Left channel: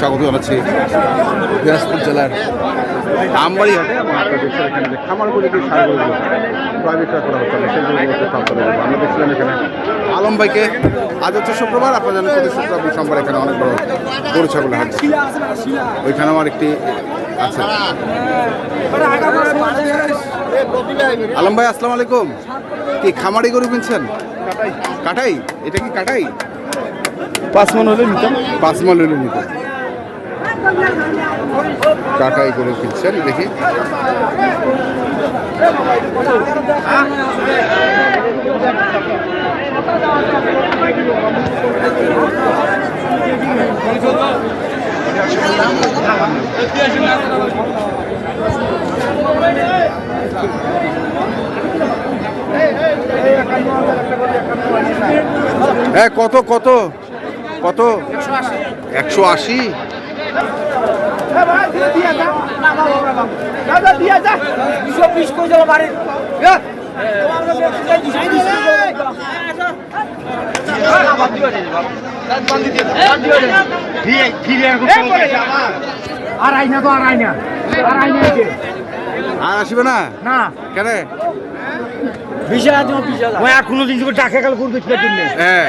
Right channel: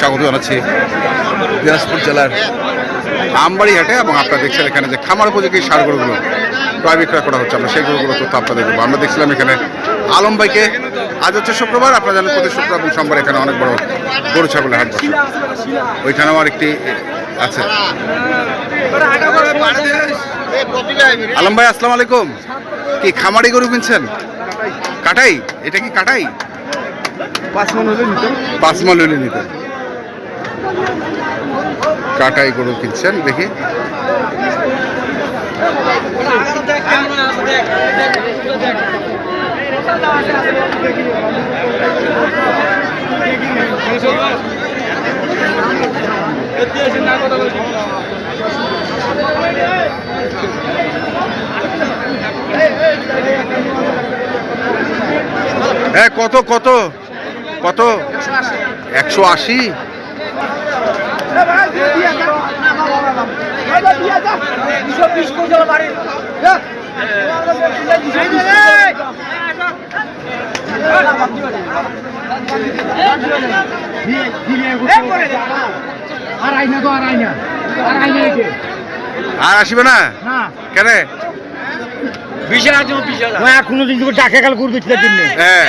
স্বাগত জানাচ্ছি দিনাজপুর জেলার আমবাড়ি হাটে এবং আপনারা দেখছেন এখানে যে খামার উপযোগী সার গরুগুলো ক্রয় বিক্রয় করা হচ্ছে। আমরা সেই গরুগুলো তথ্য আপনাদের দেবো। আমরা দেখছিলাম এখানে আলম ভাইকে। আজ হচ্ছে শুক্রবার আপনারা জানেন প্রতি শুক্রবার এবং সোমবার এখানে অনেক বড় গরু ছাগলের হাট বসে। ওইখানে আমার একটি আছে। আলম ভাই আসসালামু আলাইকুম। কি খামারি গরু কিনছেন? কাটাই? এটা কি কাটাই? পাঁচ মন হলে নিতাম। পাঁচ মাল হইলে নিতে কাটাই গরু কিনছেন দেখি। হ্যাঁ কত কত? কত? একশো আশি। আর আইনা তো আর আইনা আর আইনা আর আসবে না? না। কেন? বিশ হাজার হাজার। দিন তোকে টাকা কাল করবে জন্য। হ্যাঁ।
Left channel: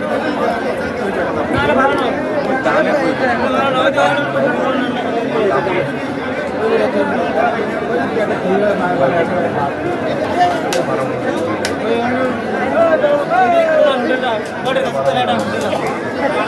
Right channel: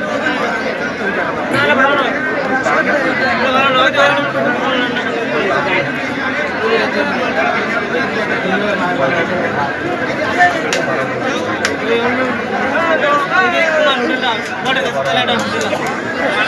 হ্যাঁ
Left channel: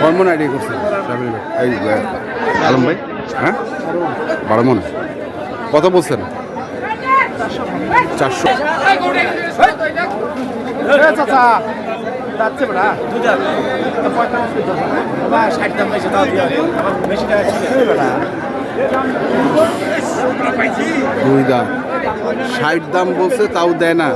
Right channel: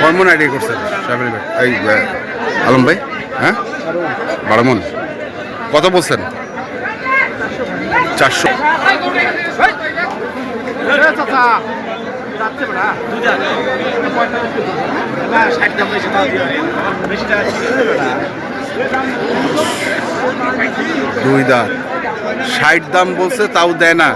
কর্মন আইডিয়া করছেন সাবির ভাই। এই আলম ভাই হ্যাঁ? বারো মন কত বলছেন? চারশো। দুই দাঁত। ষাট দাম বলছে তাও দেয় না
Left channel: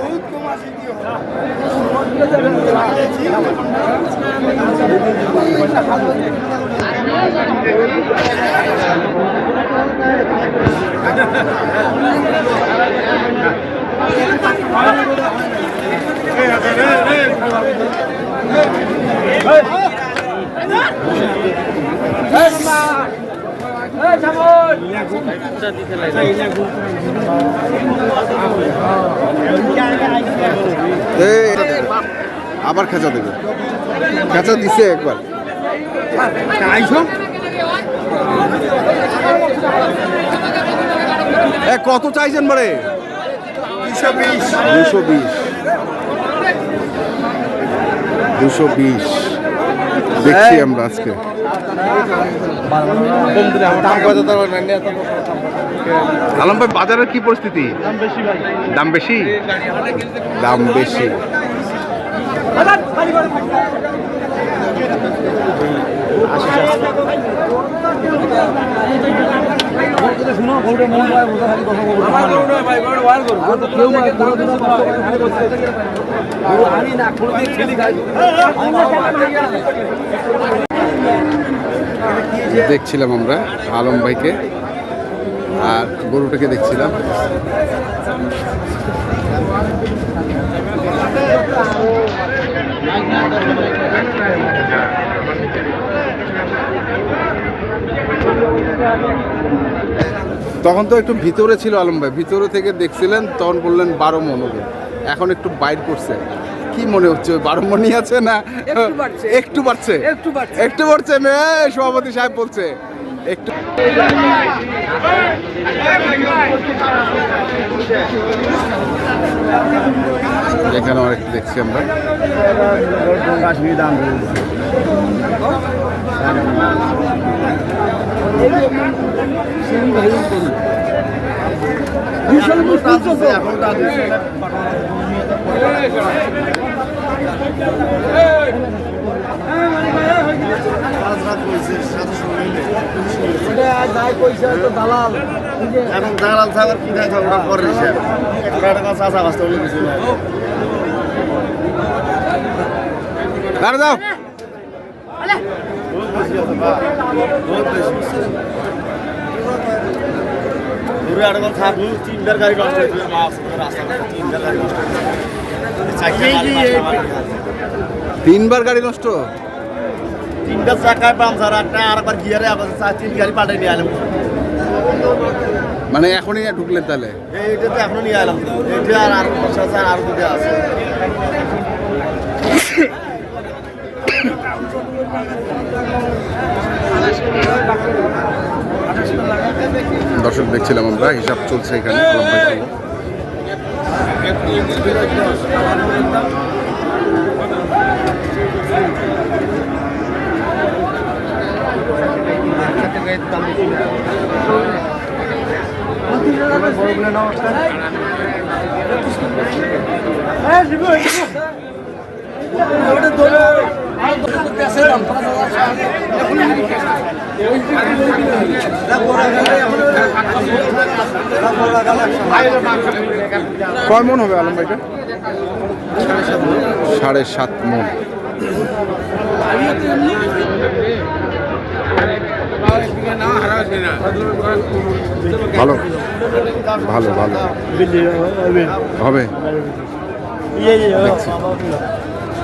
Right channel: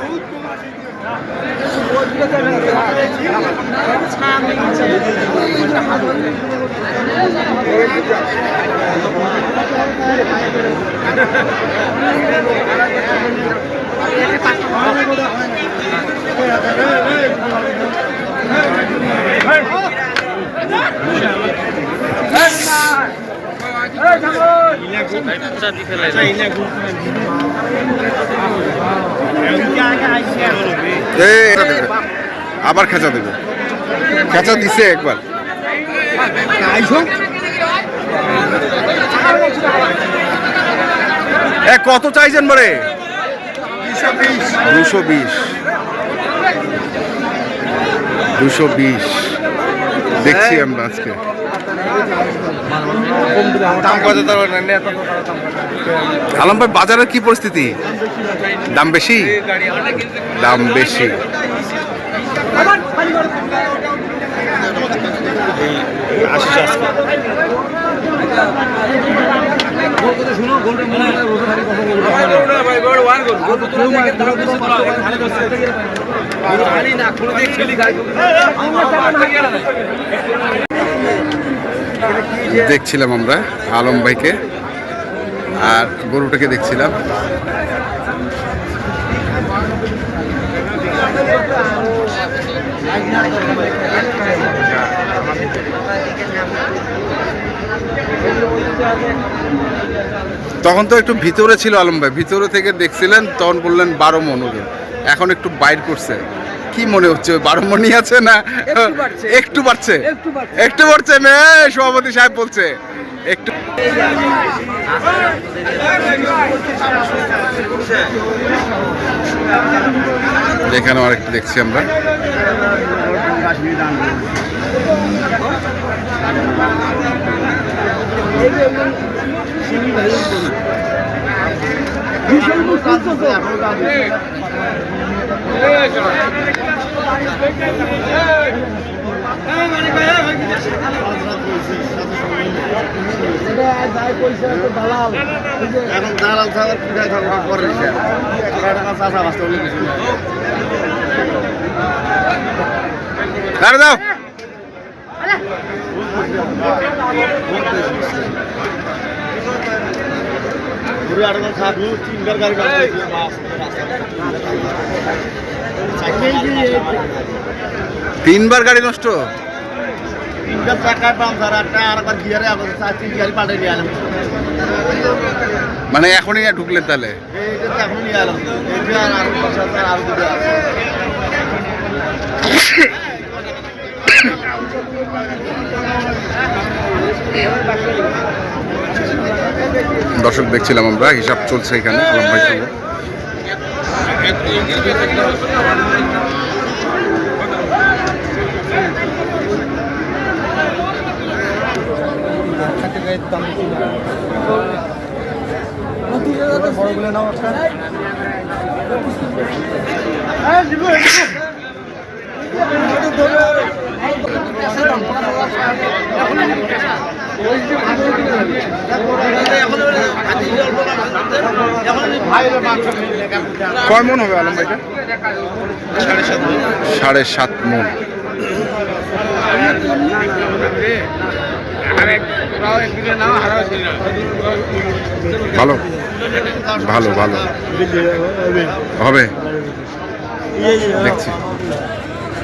দেবে। আবার খেঁচা দেবে। খেঁচা দিছে একবার। কত চাইছেন বরে? দুশো বিশ। দুশো বিশ। দেখছি আমরা আজকে। আলম ভাই বাজারের কি পরিস্থিতি দাম বেশি দাম বেশি দেখছিলাম আমরা, আলম ভাইকে আর গরুটাকে দেখছিলাম। তখন তো একটু ভিতরে ছিল আলম ভাই, ভিতরে থেকে দেখছিলেন, তখন বললেন বারো মন এখন একটু বাইর করছে। কি মনে হচ্ছে? ওই বারো মনই আছে না? একটু বাড়ছে। একটু বাড়ছে? মেয়ে সভাপতি সাহেব বলছে। একটু এখানেও আরেকটু দেখছি আমরা। এখন দালাল থাকার কি থাকার পরে চাষা বাস্তা বলে কিছু নাই দাঁড়া দাও ঘুরে আর এখন খাব তিনবার গাড়ি নষ্ট হয়েছিল মাছ রাস্তা তিনবার গাড়ি নষ্ট। তিনবার গাড়ি নষ্ট? তিনবার চাকায় পামসার একটা আর একবার গিয়ারে আবার চার তিন গাড়ি পাল্টে নিয়ে এলাম মানে এখনই ঢুকলেন তাহলে? এইটা তো এখনও নিয়ে এলাম আর আরও আরও দুটো আছে। দর্শক দেখছিলাম আমরা হিসাব চলছে এখানে আলম ভাই সহ কয় মন হবে আলম ভাইটা? সাড়ে সাত মন। ভালো ভালো ভালো। হবে? দেখছি।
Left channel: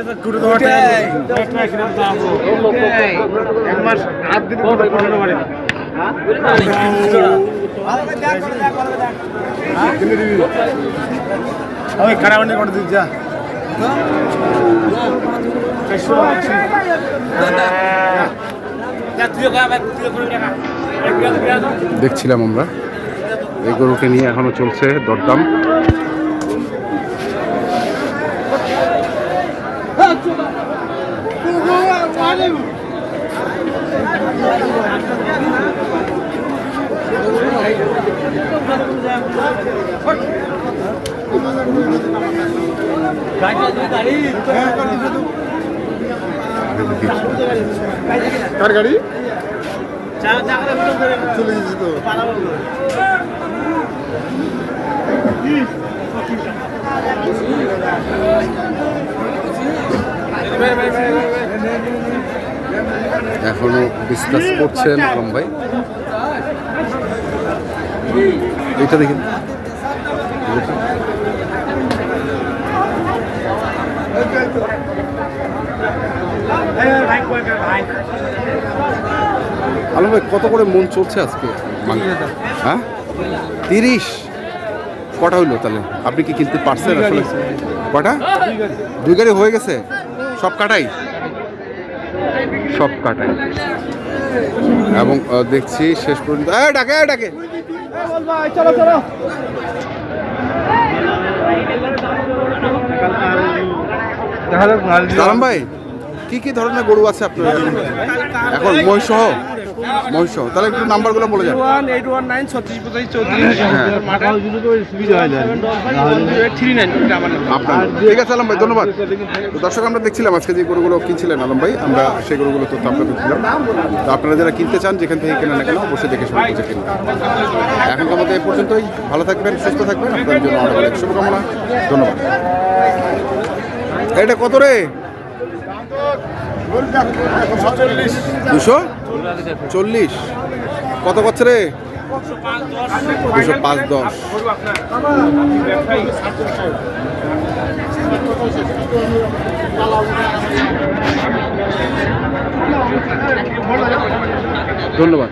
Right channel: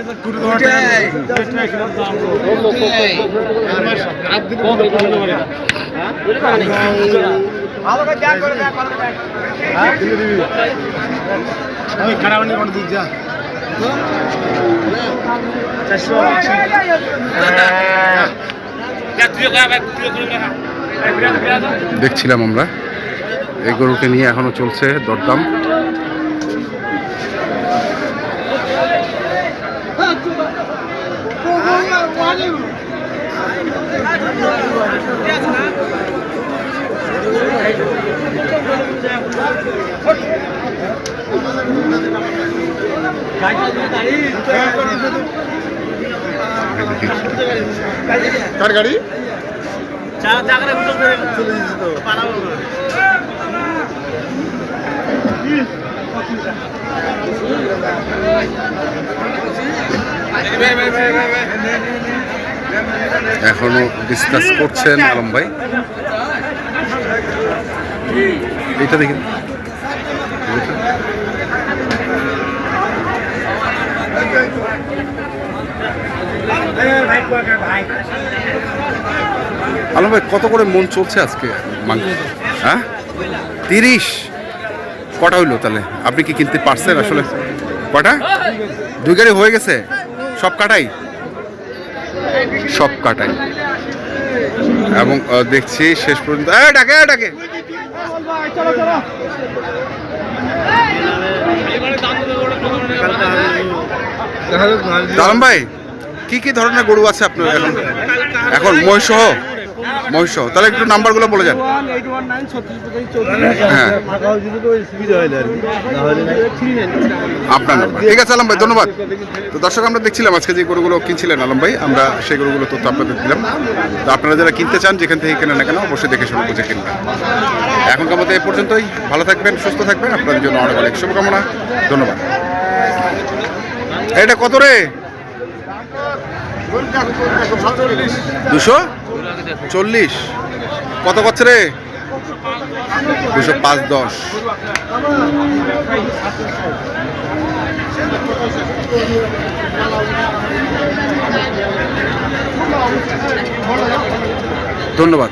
করে আমি খারাপ নেই কোনো দিন যা। দেখছিলাম আমরা। এই গরুকে নিয়ে এখনও চলছে দরদাম। তার গাড়ি? এখনও ডিসকাস করছেন আলম ভাই। এইটা দেখেন। এটা। আলম ভাই কত করে মন চলছে আজকে মাংস? হ্যাঁ? তিরিশ। কটা হইল তাহলে? আপনি কি কিনতে পারছেন আসলে? কটা? দুই গাড়ি। হয়ে গেছে? সব কাটাই? সব কাটাই। এবং দেখছি শেষ পর্যন্ত। এই ডাকে। এই চলো তালাম ভাই কি কি ধরনের গরু আছে আপনার এখন? এখন মহিষহ মহিষ তাহলে একটু নাম্বারগুলো বলে যান। হ্যাঁ। আপনার ঠিক আছে, আলম ভাই, ধন্যবাদ। তো দর্শক, আমরা দেখছিলাম আজকে যে গরুগুলো কিনছিলেন আলম ভাই, আমরা সেই গরুগুলো তথ্য আপনাদের দিলাম। তো আপনারা যারা কিনতে চান, যেখান থেকে কেনা না কেন, অবশ্যই দেখে শুনে বুঝে কিনবেন। এখনকার মতো এই পর্যন্তই। ভালো থাকবেন, সুস্থ থাকবেন। আপনাদের জন্য অনেক অনেক শুভকামনা। ধন্যবাদ। এটা কত রে? দুশো? চল্লিশ। কত করছে রে? দুশো পাঁচ দশ। ধন্যবাদ।